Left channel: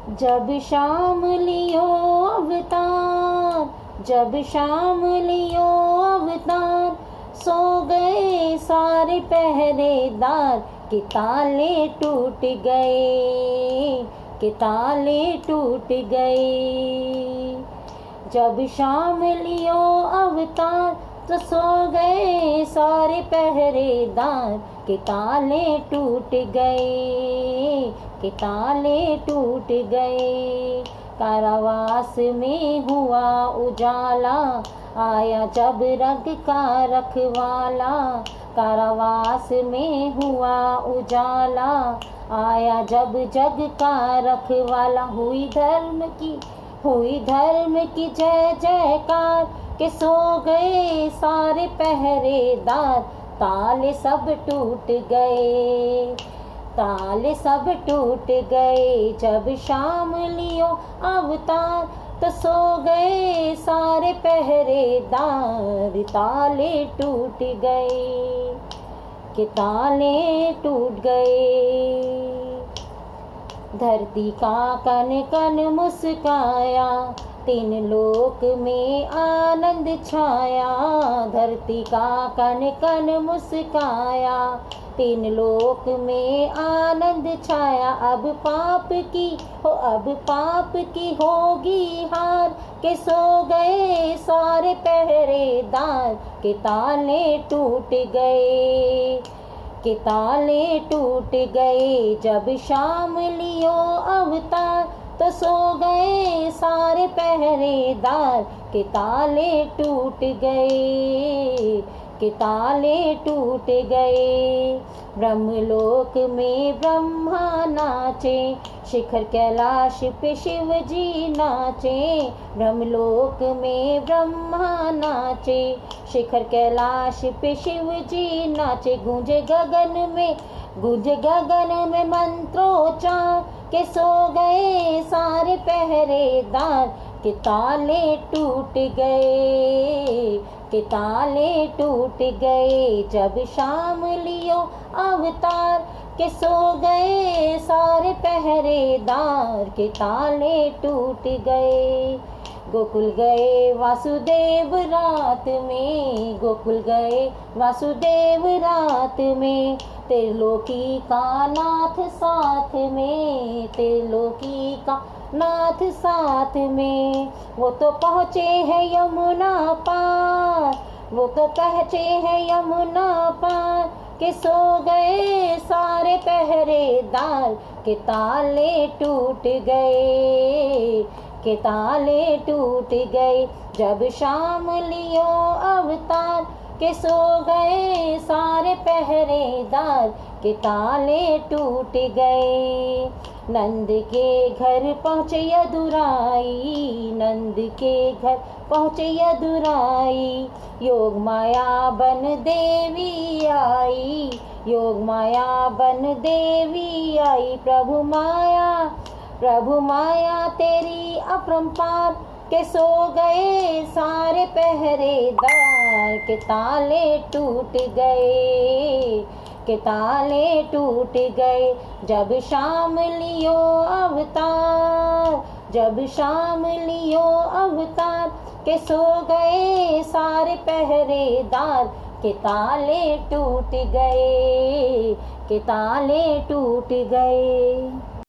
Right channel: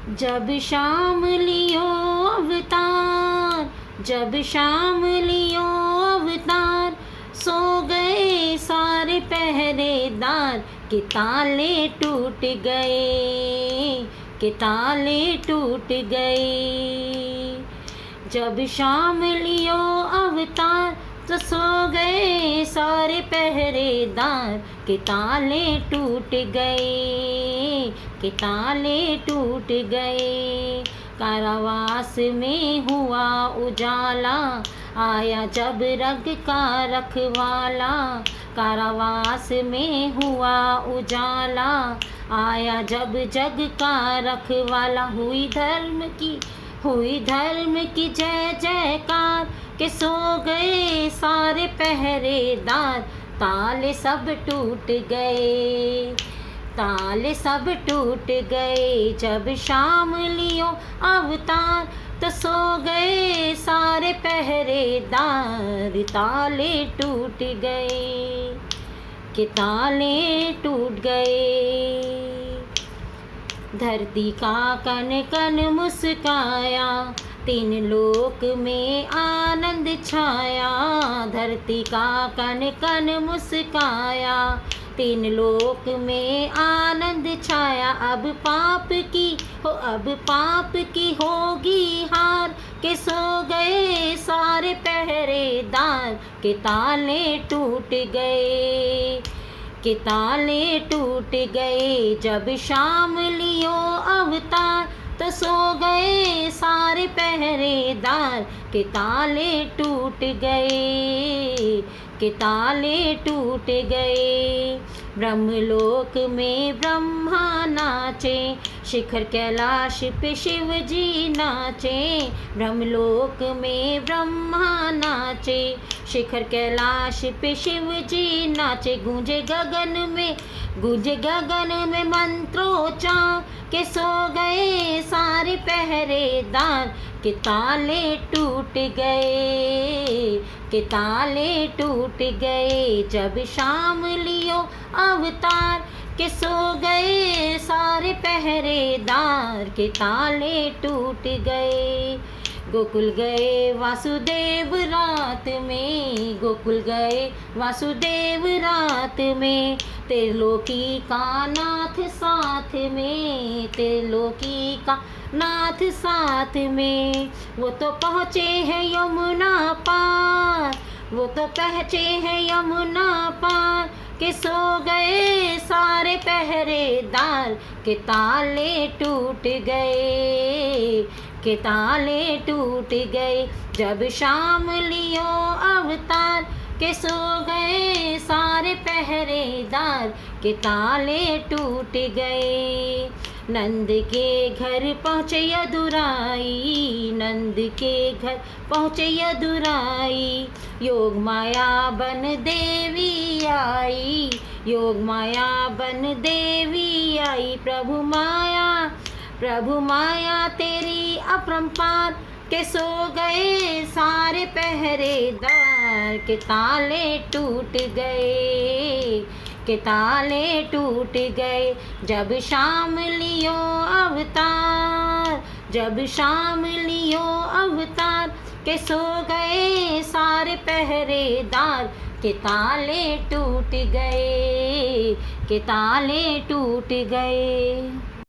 जब शाम लियो अवतार, जब शाम लियो अवतार, सो गए सारे पहरेदार, के ताले टूट गए, के ताले टूट गए। जब शाम लियो अवतार, तो सो गए सारे पहरेदार, के ताले टूट गए, के ताले टूट गए। कारावास में हुआ उजाला, आया जब रग का रखवाला। कारावास में हुआ उजाला, आया जब जग का रखवाला। हुई धर्म की जय जयकार, के सो गए सारे पहरेदार, ताले सब टूट गए, ताले सब टूट गए। जब शाम लियो अवतार, तो सो गए सारे पहरेदार, ताले टूट गए, के ताले टूट गए। धरती का कन कन मुस्काया, तीन लोक में आनंद छाया। धरती का कन कन मुस्काया, तीन लोक में आनंद छाया। अब पाप की होगी हार, के सो गए सारे पहरेदार, के ताले टूट गए, के ताले टूट गए। जब शाम लियो अवतार, तो सो गए सारे पहरेदार, के ताले टूट गए, के ताले टूट गए। ब्रह्मलोक में ब्रह्मा नाचे, शिखर कैलाश पे शिव जी नाचे। ब्रह्मलोक में ब्रह्मा नाचे, शिखर कैलाश पे शिव जी नाचे। गूंजे गगन में मंत्रोच्चार, के सो गए सारे पहरेदार, के ताले टूट गए, के ताले टूट गए। जब शाम लियो अवतार, के सो गए सारे पहरेदार, के ताले टूट गए। गोकुल गए वासुदेव रात में, गोकुल गए वासुदेव रात में। त्रिलोकी का नाथ साथ में, त्रिलोकी का नाथ साथ में। वो तो पहुँचे हैं यमुना पार, वो तो पहुँचे हैं यमुना पार, के सो गए सारे पहरेदार, के ताले टूट गए, के ताले टूट गए। जब शाम लियो अवतार, के सो गए सारे पहरेदार, के ताले टूट गए। नंद के घर पहुँचे यदुराई, नंद के घर पहुँचे यदुराई। योग माया बन देवी आई, योग माया बन देवी आई। प्रभु माया तेरी अपरंपार, के सो गए सारे पहरेदार, के ताले टूट गए, के ताले टूट गए। जब शाम लियो अवतार, जब शाम लियो अवतार, के सो गए सारे पहरेदार, के ताले टूट गए, के ताले टूट गए।